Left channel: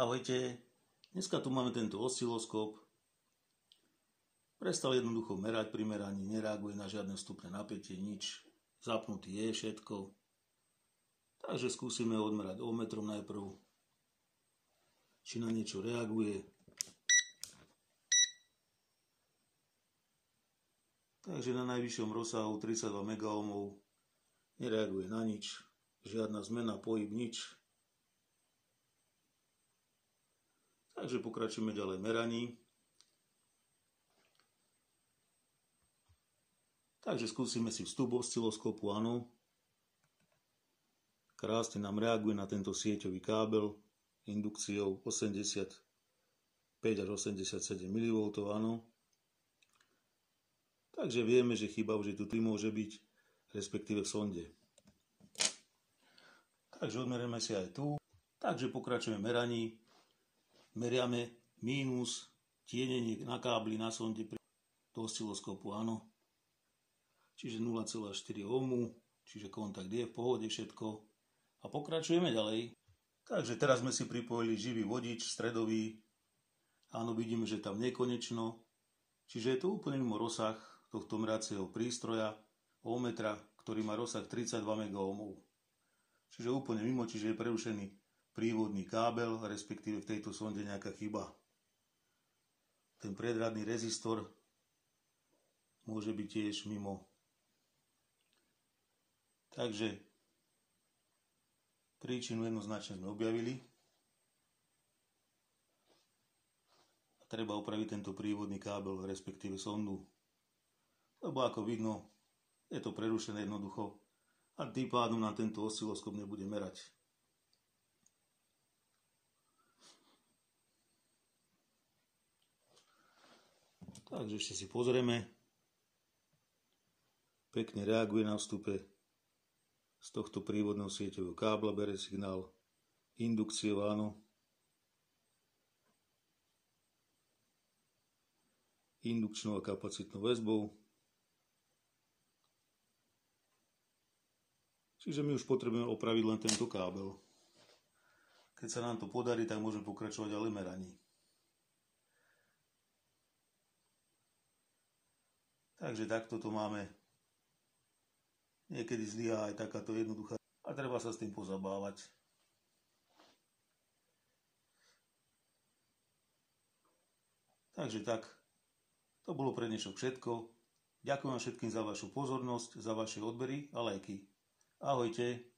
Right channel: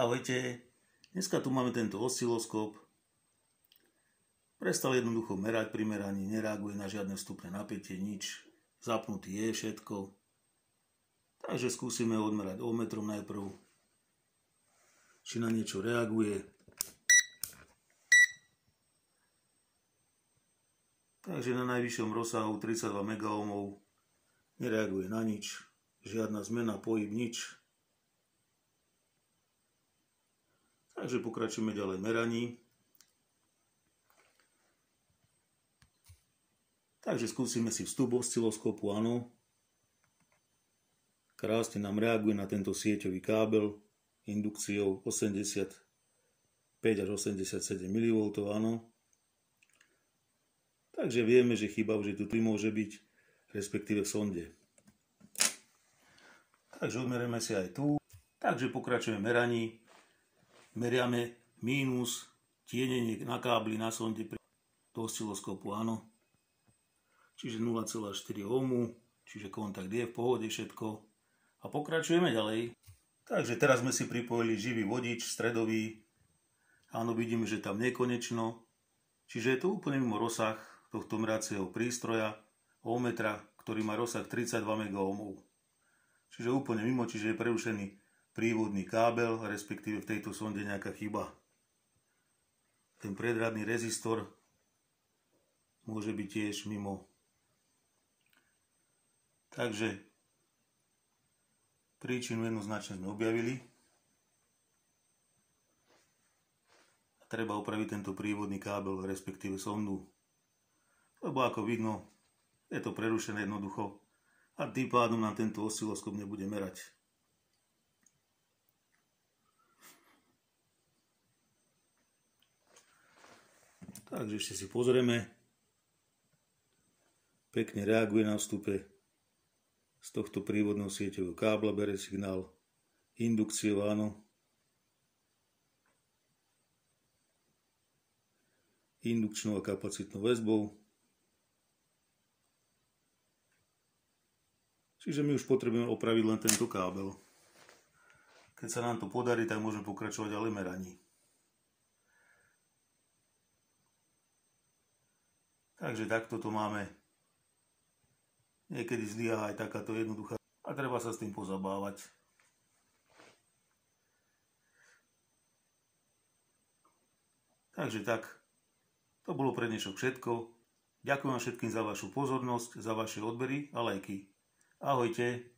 Ahojte, dneska tu máme tento osciloskop. Prestal jednoducho merať pri meraní, nereaguje na žiadne vstupné napätie, nič. Zapnutý je všetko. Takže skúsime odmerať ohmmetrom najprv, či na niečo reaguje. Takže na najvyššom rozsahu 32 MΩ nereaguje na nič, žiadna zmena, pohyb, nič. Takže pokračujeme ďalej v meraní. Takže skúsime si vstup osciloskopu, áno. Krásne nám reaguje na tento sieťový kábel indukciou 85 až 87 mV, áno. Takže vieme, že chyba už tu môže byť, respektíve v sonde. Takže odmerieme si aj tu. Takže pokračujeme v meraní. Meriame mínus tienenie na kábli na sonde do osciloskopu, áno. Čiže 0,4 ohmu, čiže kontakt je v pohode všetko. A pokračujeme ďalej. Takže teraz sme si pripojili živý vodič, stredový. Áno, vidíme, že tam nekonečno. Čiže je to úplne mimo rozsah tohto meracieho prístroja, ohmmetra, ktorý má rozsah 32 MΩ. Čiže úplne mimo, čiže je prerušený prívodný kábel, respektíve v tejto sonde nejaká chyba. Ten predradný rezistor môže byť tiež mimo. Takže príčinu jednoznačne sme objavili. A treba opraviť tento prívodný kábel, respektíve sondu. Lebo ako vidno, je to prerušené jednoducho a tým pádom nám tento osciloskop nebude merať. Takže ešte si pozrieme. Pekne reaguje na vstupe. Z tohto prívodného sieťového kábla bere signál indukciou, áno. Indukčnou a kapacitnou väzbou. Čiže my už potrebujeme opraviť len tento kábel. Keď sa nám to podarí, tak môžeme pokračovať ďalej v meraní. Takže takto to máme. Niekedy zlyhá aj takáto jednoduchá a treba sa s tým pozabávať. Takže tak, to bolo pre dnešok všetko. Ďakujem vám všetkým za vašu pozornosť, za vaše odbery a lajky. Ahojte.